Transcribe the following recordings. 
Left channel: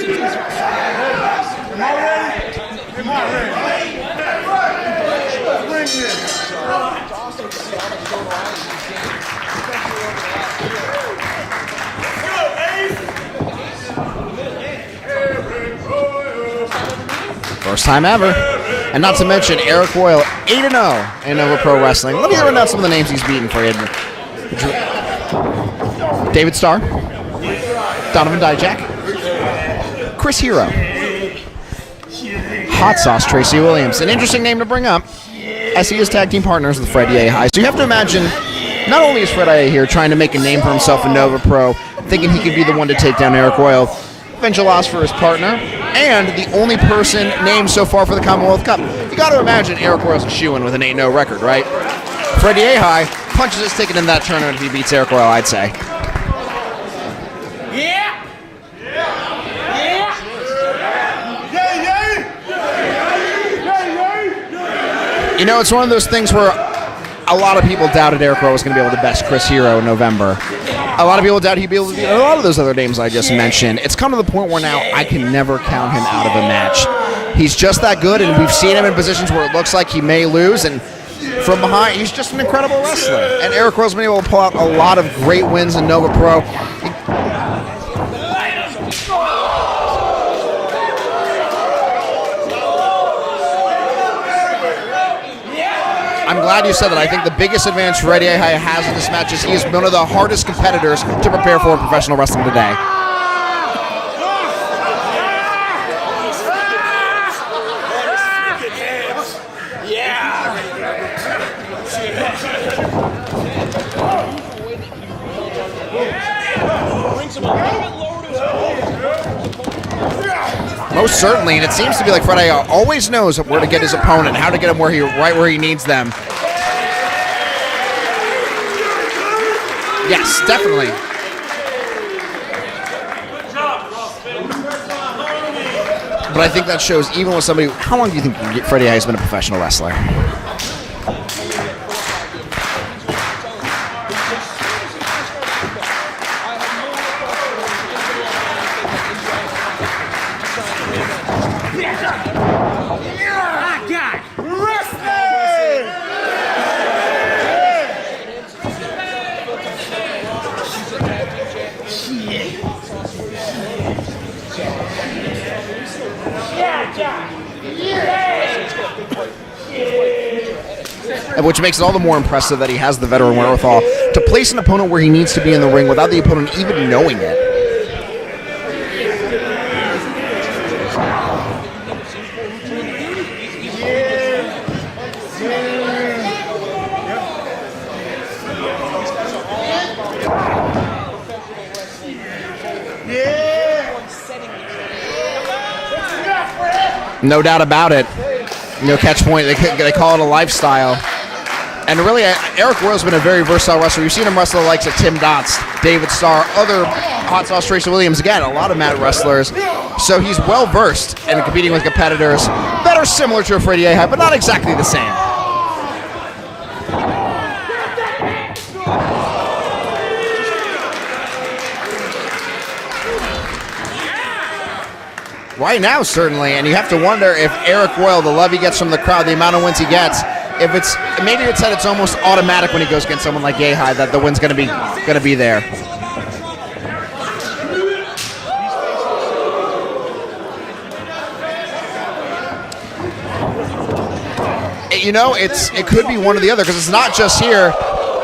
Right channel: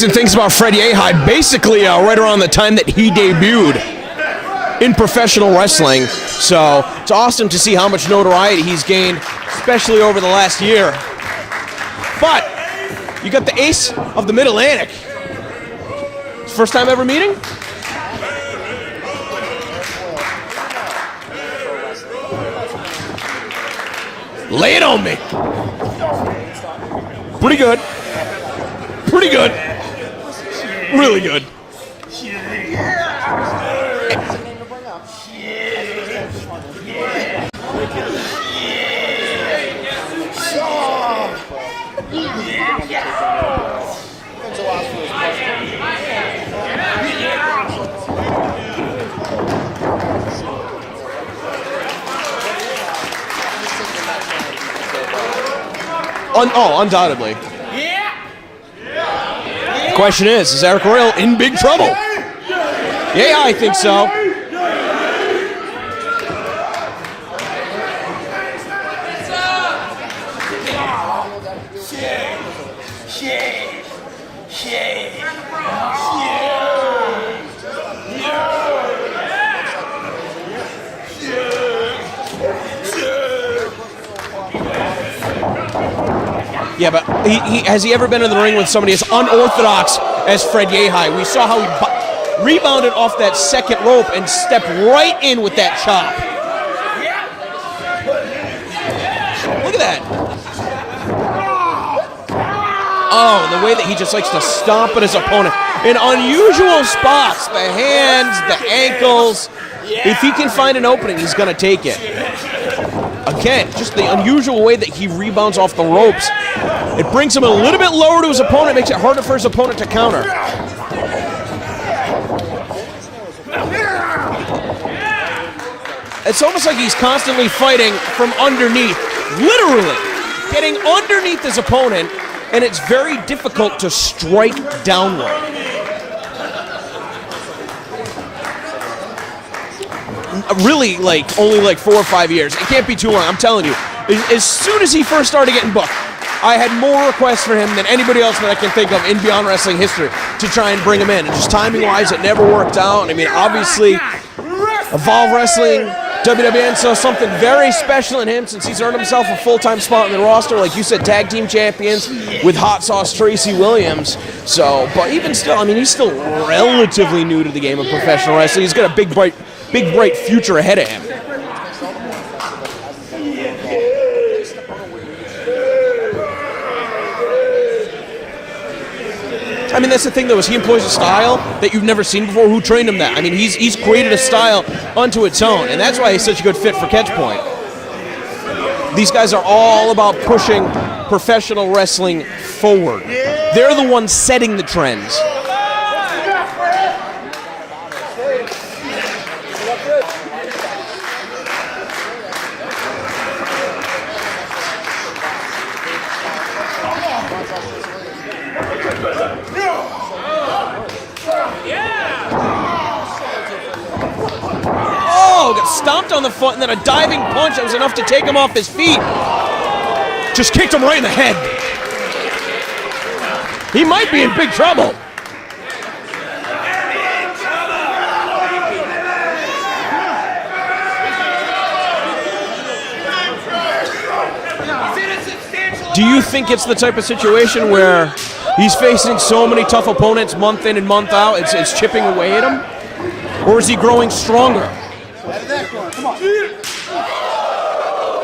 amazing things about Fred Yehai, basically right around the time that he debuted in professional wrestling. So it's awesome to see how much notoriety he's gained, especially over the last year. But you got the ace of the Mid-Atlantic. First time ever meeting? First time ever. And not to mention, Eric Royal, 8-0 in Nova Pro Wrestling. Let me run down some of the names he's beaten for you. Lay it on me. David Starr. Pretty good. Donovan Dijak. Pretty good. Chris Hero. Really good. Hot Sauce Tracy Williams. An interesting name to bring up, as he is tag team partners with Fred Yehai. So you have to imagine, not only is Fred Yehai here trying to make a name for himself in Nova Pro, thinking he could be the one to take down Eric Royal, eventual loss for his partner, and the only person named so far for the Commonwealth Cup. You got to imagine Eric Royal's a shoo-in with an 8-0 record, right? Fred Yehai punches his ticket in that tournament if he beats Eric Royal, I'd say. Undoubtedly. Yeah. Question is Eric Royal in big trouble? Yeah, I think so. You know, it's one of those things where a lot of people doubted Eric Royal was going to be able to best Chris Hero in November. A lot of people doubted he'd be able to do a lot of those other names I just mentioned. It's come to the point where now I can never count him out of a match. He's just that good, and we've seen him in positions where it looks like he may lose, and from behind, he's just an incredible wrestler. And Eric Royal's been able to pull out a lot of great wins in Nova Pro. Yeah, but has he ever been in the ring with somebody as unorthodox as Fred Yehai? We saw how he rebounded off that second rope and stepped right in with that chop. I'm glad you said that. I think the biggest advantage Fred Yehai has in this match is he is one of the hardest competitors to prepare for in professional wrestling today. Oh, the way that he just likes to stomp at his opponent in unusual spots, the hands, the ankles. If he can find an opening, he's going to take it. Again, just the unusual way that he rebounds off the ropes. It brings him a little bit lower to his opponent, makes it harder for his opponent to counter. Most certainly, and it seems to be like Fred Yehai always knows where to get his opponent, how to get him right where he needs them. It's almost like he's constantly fighting from underneath. Literally. Yes, definitely. Getting underneath his opponent, and it's very difficult to strike downward. But I think that shows, even with somebody, how long do you think Fred Yehai has been a professional wrestler? Really, only 4 or 5 years. It can't be too long, I'm telling you. As soon as he first started getting booked, I had more requests for him than anybody else that I can think of in Beyond Wrestling history to try and bring him in. And just timing-wise, it never worked out. I mean, obviously, Evolve Wrestling, WWN saw something very special in him since he's earned himself a full-time spot in the roster. Like you said, tag team champions with Hot Sauce Tracy Williams. So, but even still, I mean, he's still relatively new to the game of professional wrestling. He's got a big, bright future ahead of him. Which makes it all the more impressive that he has the veteran wherewithal to place an opponent where he needs to be in the ring without the opponent even knowing it. I mean, that's the thing, though, is he employs a style that you've never seen before. Who trained him that? I mean, he's created a style unto its own, and that's why he's such a good fit for Catchpoint. These guys are all about pushing professional wrestling forward. They're the ones setting the trends. No doubt about it. You know, Catchpoint, they call it a lifestyle. And really, Eric Royal's been a very versatile wrestler. You've seen him wrestle the likes of Tim Dotz, David Starr, other Hot Sauce Tracy Williams, again, a lot of mat wrestlers. So he's well-versed in competing with competitors that are similar to a Fred Yehai, but not exactly the same. Oh, got stomped on the foot, and then a diving punch that was enough to take him off his feet. Just kicked him right in the head. He might be in big trouble. Right now, certainly, and you have to wonder if Eric Royal, the love he gets from the crowd, the amount of wins he gets, if it's maybe it's that it's almost automatic when he goes against someone like Yehai that the win's gonna be there. Do you think it's the type of situation where he's facing so many tough opponents month in and month out, it's chipping away at him? Or is he growing stronger? You know, it could be one or the other, because it's not just here.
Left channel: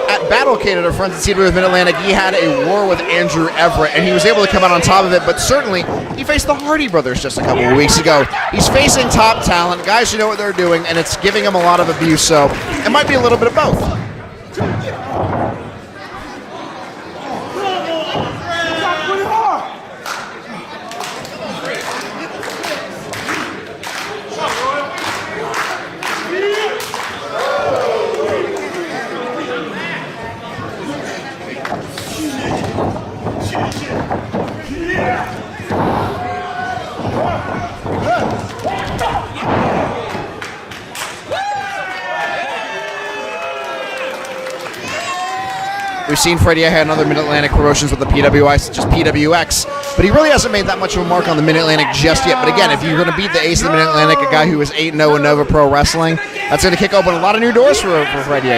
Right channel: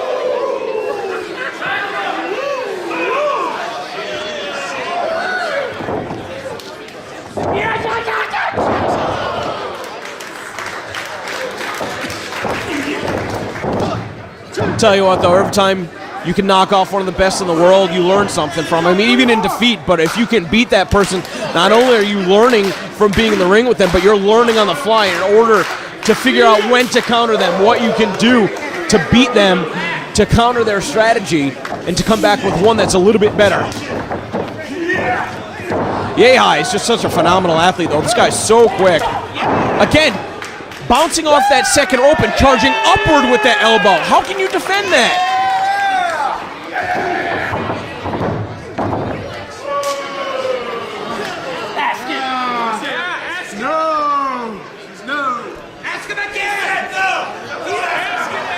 At Battlecade at our friends at CW Mid-Atlantic, he had a war with Andrew Everett, and he was able to come out on top of it, but certainly he faced the Hardy Brothers just a couple of weeks ago. He's facing top talent, guys who know what they're doing, and it's giving him a lot of abuse, so it might be a little bit of both. I'll tell you what, though, every time you can knock off one of the best in the world, you learn something from him, even in defeat. But if you can beat that person, not only are you learning from being in the ring with them, but you're learning on the fly in order to figure out when to counter them, what you can do to beat them, to counter their strategy, and to come back with one that's a little bit better. Yehai is just such a phenomenal athlete, though. This guy's so quick. Again, bouncing off that second rope and charging upward with that elbow. How can you defend that? We've seen Freddie had other Mid-Atlantic promotions with the PWI, such as PWX, but he really hasn't made that much of a mark on the Mid-Atlantic just yet. But again, if you're going to beat the ace of the Mid-Atlantic, a guy who was 8-0 in Nova Pro Wrestling, that's going to kick open a lot of new doors for Freddie.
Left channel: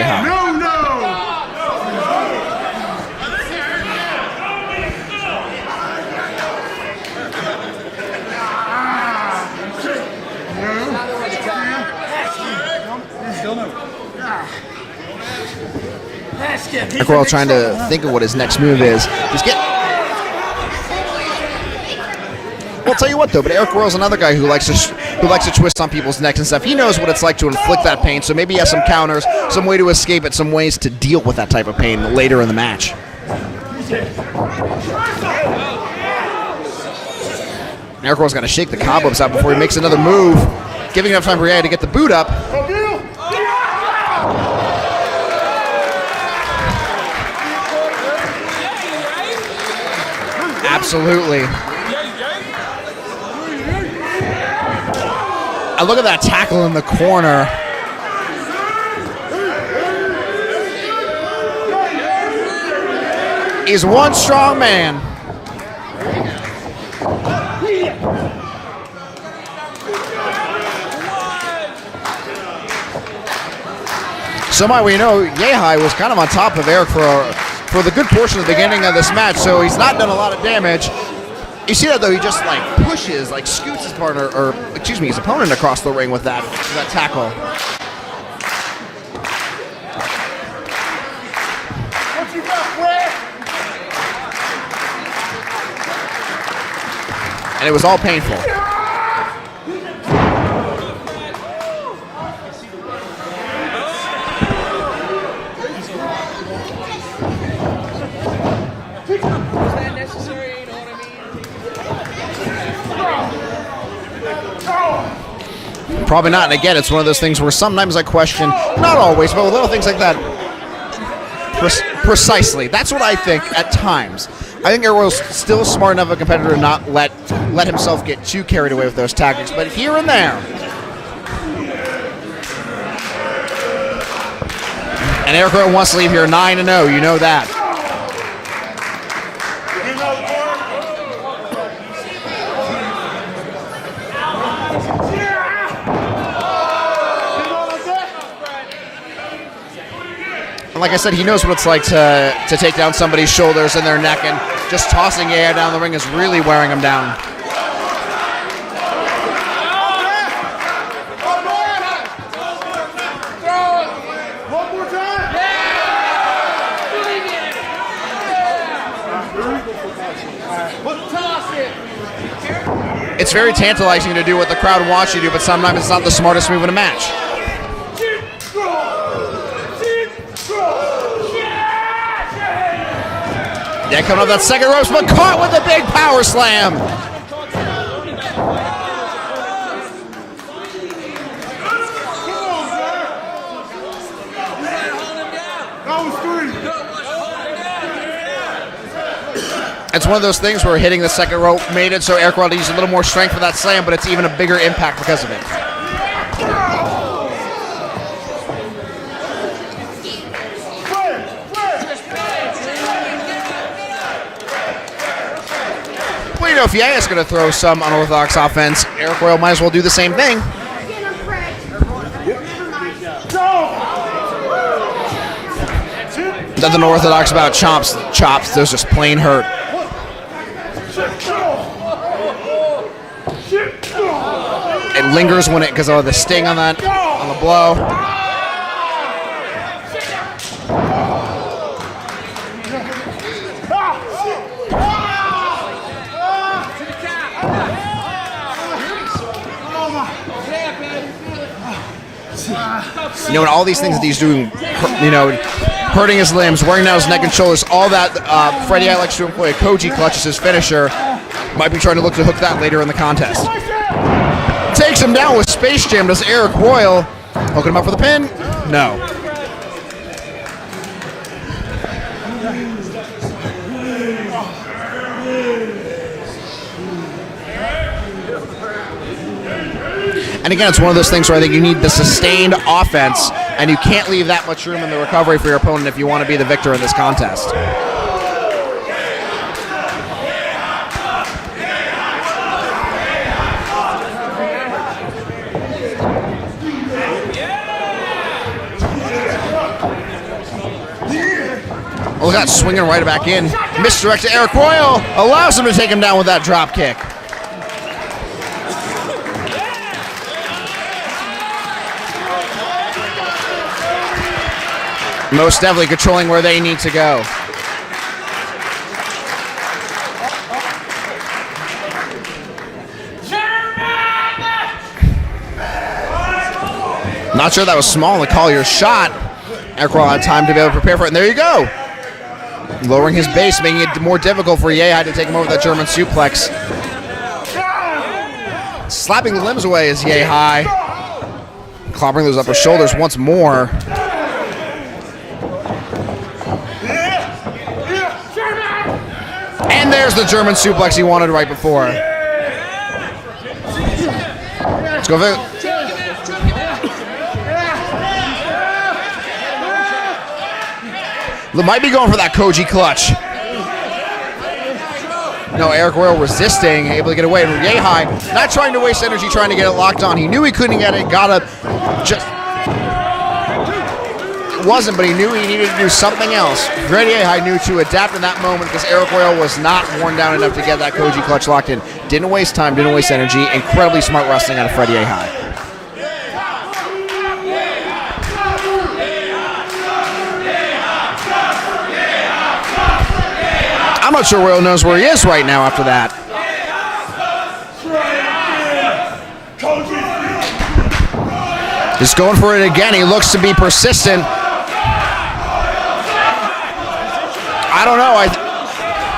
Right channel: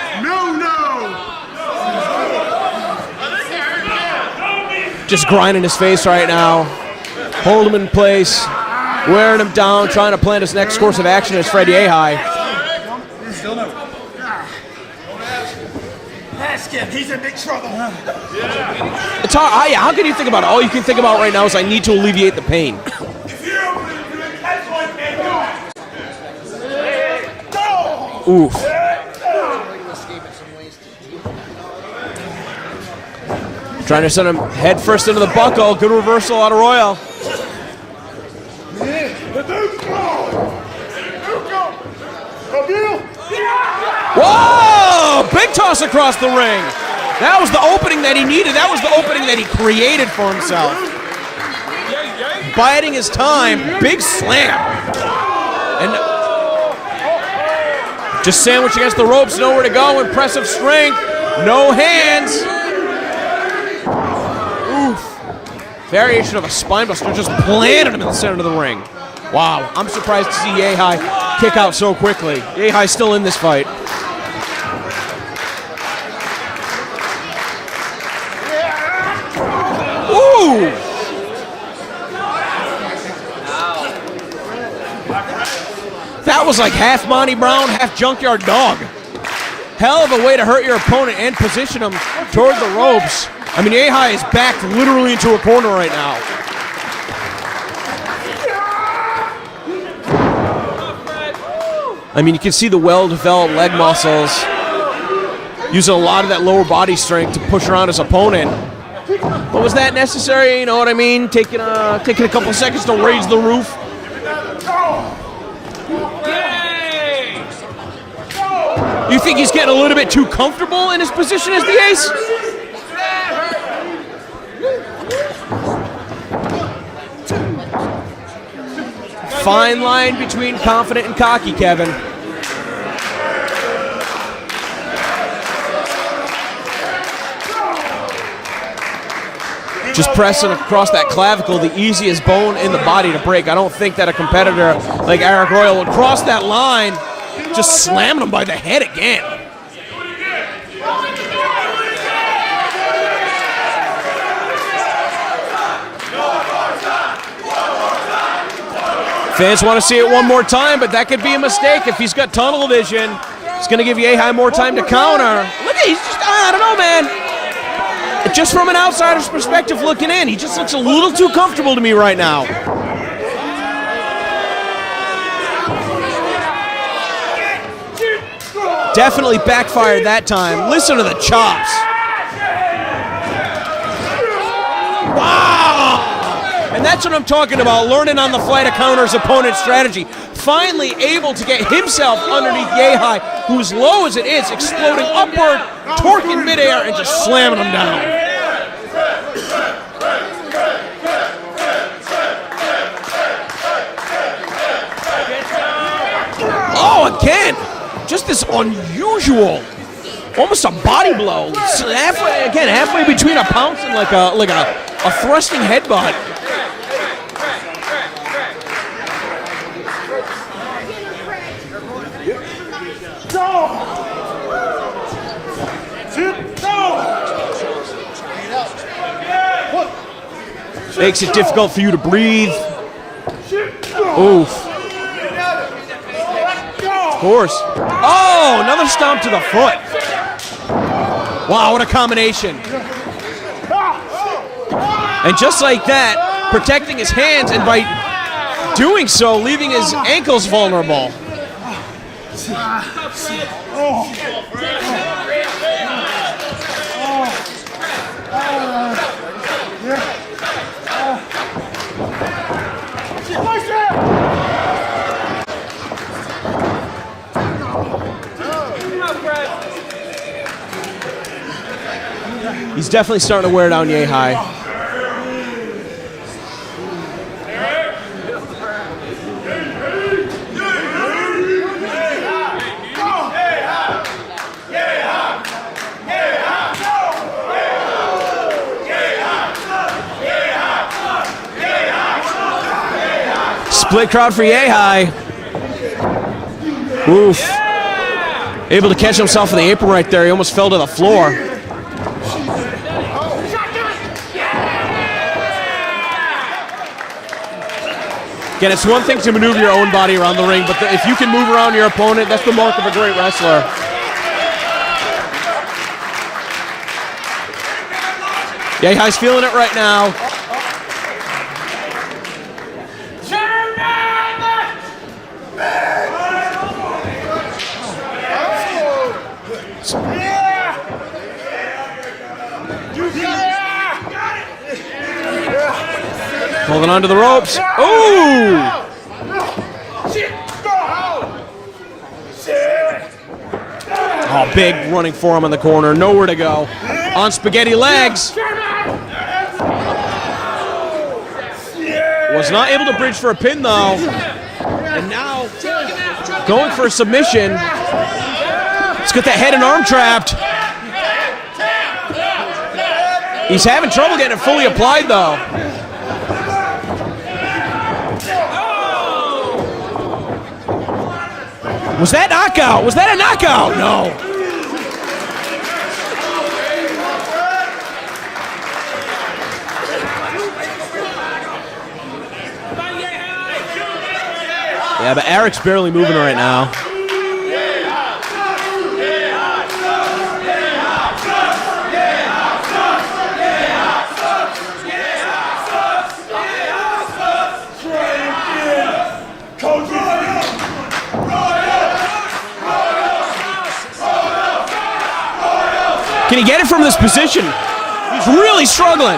Just grinding his face right now, holding him in place, wearing him down, trying to plan his next course of action as Freddie Ahai. We're all trying to think of what his next move is. How can you think about it? All you can think about right now is I need to alleviate the pain. I'll tell you what though, but Eric Royal's another guy who likes to twist on people's necks and stuff. He knows what it's like to inflict that pain, so maybe he has some counters, some way to escape it, some ways to deal with that type of pain later in the match. Trying to send him head first into the buckle. Good reversal out of Royal. Eric Royal's got to shake the cobwebs out before he makes another move, giving enough time for Ray to get the boot up. Whoa! Big toss across the ring. That was the opening that he needed. That was the opening that he created for himself. Absolutely. Biding his time. Big slam. And look at that tackle in the corner. Just sandwich against the ropes. Nowhere to go. Impressive strength. No hands. He's one strong man. Variation of a spine buster. Just planted him in the center of the ring. Wow. I'm surprised to see Ahai kick out so quickly. Ahai's still in this fight. Somehow we know Ahai was kind of on top of Eric for the good portion of the beginning of this match, so he's not done a lot of damage. You see that though, he just like pushes, like scoops his partner, or excuse me, his opponent across the ring with that. That was like half Monty Brown, half Junkyard Dog. Hell of a way to hurt your opponent and position him toward the ropes. I mean, Ahai is backed literally into a corner right now. And it was all painful. I mean, you can see the well-developed leg muscles using a lot of that lower body strength to push around his opponent. But was that necessary? You know what I mean? Taking a couple seconds to raise the roof? Probably not. And again, it's one of those things where sometimes I question, not always. You think he's getting a little bit too comfortable in his position as the ace? Precisely. That's what I think at times. I think Errol's still smart enough a competitor to not let himself get too carried away with those tactics. Fine line between confident and cocky, Kevin. And Eric Royal wants to leave here 9-0. You know that. Just pressing across that clavicle, the easiest bone in the body to break. I don't think that a competitor like Eric Royal would cross that line, just slamming him by the head again. And like I said, he knows what it's like to take down somebody's shoulders and their neck, and just tossing Yaya down the ring is really wearing him down. Fans want to see it one more time, but that could be a mistake. If he's got tunnel vision, it's going to give Ahai more time to counter. I don't know, man. Just from an outsider's perspective looking in, he just looks a little too comfortable to me right now. It's very tantalizing to do what the crowd wants you to do, but sometimes it's not the smartest move in a match. Definitely backfired that time. Listen to the chops. Yeah, coming up that second ropes, but caught with a big power slam. And that's what I'm talking about, learning on the fly to counter his opponent's strategy. Finally able to get himself underneath Ahai, who's low as it is, exploding upward, torquing midair, and just slamming him down. It's one of those things where hitting the second rope made it so Eric Royal used a little more strength for that slam, but it's even a bigger impact because of it. Oh, again, just this unusual, almost a body blow. Halfway between a pounce and like a thrusting headbutt. Well, you know, if Yaya's going to throw some unorthodox offense, Eric Royal might as well do the same thing. Nothing unorthodox about chops. Those just plain hurt. Makes it difficult for you to breathe. Oof. It lingers when it, because of the sting on that blow. Oh, another stomp to the foot. Wow, what a combination. And just like that, protecting his hands, and by doing so, leaving his ankles vulnerable. You know, and all these things that he's doing, you know, hurting his limbs, wearing down his neck and shoulders, all that, Freddie likes to employ a Koji clutch as his finisher. Might be trying to look to hook that later in the contest. Takes him down with Space Jam. Does Eric Royal hooking him up for the pin? No. He's definitely starting to wear down Ahai. And again, it's one of those things where I think you need the sustained offense and you can't leave that much room in the recovery for your opponent if you want to be the victor of this contest. Split crowd for Yehai. Oof. Able to catch himself in the apron right there. He almost fell to the floor. Look at that, swinging right back in. Misdirect to Eric Royal. Allows him to take him down with that drop kick. Again, it's one thing to maneuver your own body around the ring, but if you can move around your opponent, that's the mark of a great wrestler. Most definitely controlling where they need to go. Yehai's feeling it right now. Not sure that was small to call your shot. Eric Royal had time to be able to prepare for it, and there you go. Lowering his base, making it more difficult for Yehai to take him over the German suplex. Holding onto the ropes. Ooh! Slapping the limbs away is Yehai. Clobbering those upper shoulders once more. Oh, big running forearm in the corner. Nowhere to go. On spaghetti legs. And there's the German suplex he wanted right before. Was not able to bridge for a pin, though. Let's go there. Going for a submission. Let's get that head and arm trapped. Might be going for that Koji clutch. He's having trouble getting it fully applied, though. No, Eric Royal resisting, able to get away from Yehai. Not trying to waste energy trying to get it locked on. He knew he couldn't get it, got it. Was that knockout? Was that a knockout? No. It wasn't, but he knew he needed to do something else. Fred Yehai knew to adapt in that moment because Eric Royal was not worn down enough to get that Koji clutch locked in. Didn't waste time, didn't waste energy. Incredibly smart wrestling out of Fred Yehai. Yeah, but Eric's barely moving right now. I'm not sure Royal knows where he is right now after that. He's going for it again. He looks to be persistent. Can he get it from this position? I don't know. He's really struggling.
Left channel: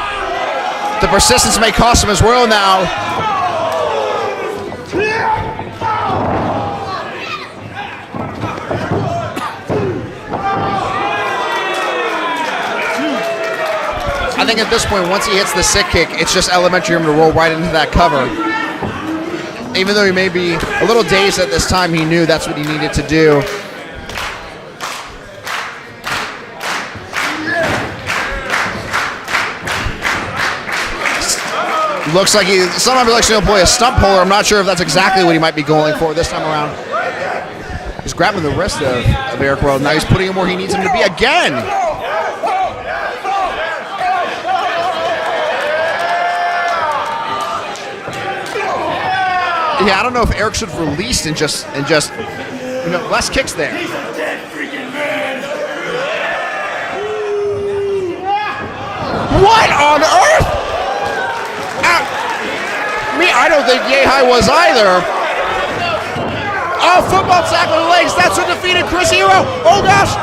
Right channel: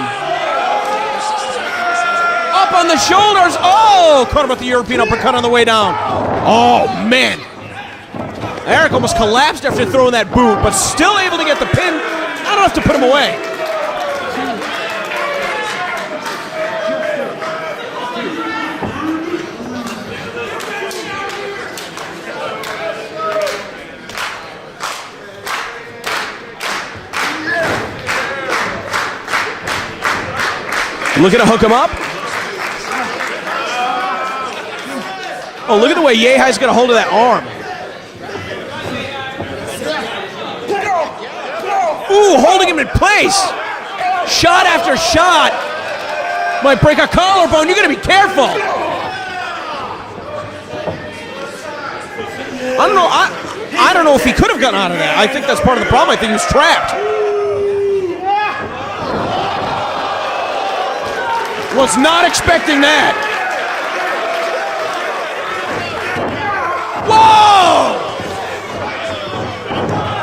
The persistence may cost him his Royal now. On the shoulders. Oh, caught him with the European uppercut on the way down. Oh, man. Eric almost collapsed after throwing that boot, but still able to get the pin. Not enough to put him away. I think at this point, once he hits the sick kick, it's just elementary for him to roll right into that cover. Even though he may be a little dazed at this time, he knew that's what he needed to do. Looking to hook him up. Looks like somehow he likes to employ a stump puller. I'm not sure if that's exactly what he might be going for. Look at the way Yehai's got a hold of that arm. He's grabbing the wrist of Eric Royal. Now he's putting him where he needs him to be again. Ooh, holding him in place. Shot after shot. Might break a collarbone. You got to be careful. Yeah, I don't know if Eric should have released and just I don't know. less kicks there. I don't know if he could have gotten out of there. I think that's part of the problem. I think he was trapped. What on earth? Was not expecting that. I don't think Yehai was either. Oh, football sack with legs. That's what defeated Chris Hero. Oh, gosh.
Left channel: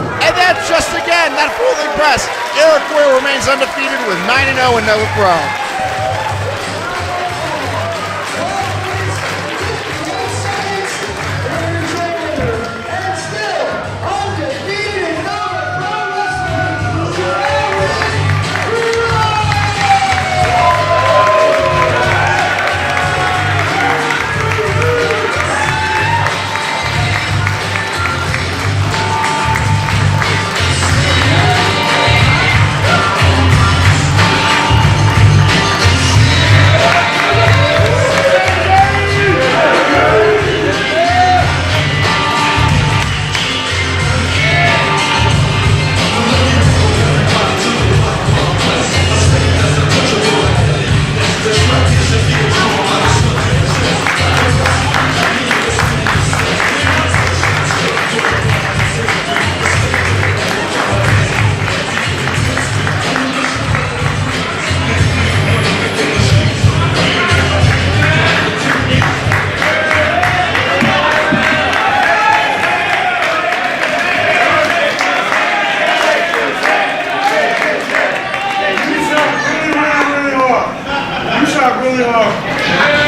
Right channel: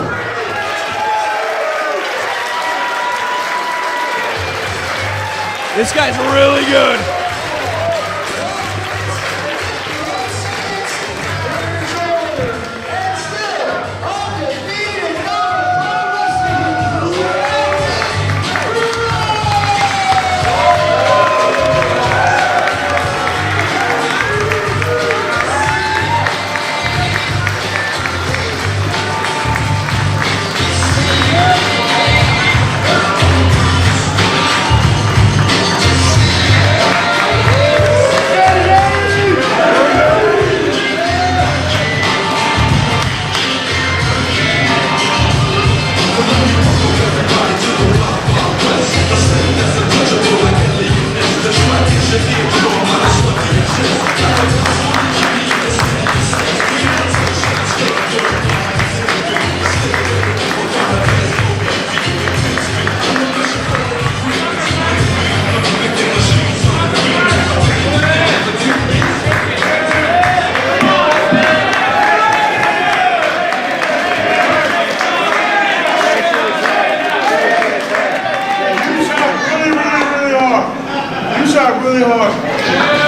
And then just again, that fourth press. Eric Royal remains undefeated with 9-0 and no pro. This guy's really good. Really hard.